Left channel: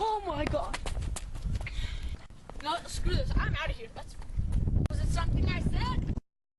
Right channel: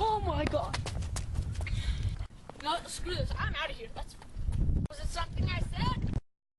Oh my god. No, screw this. I'm out of here. Was it something I said?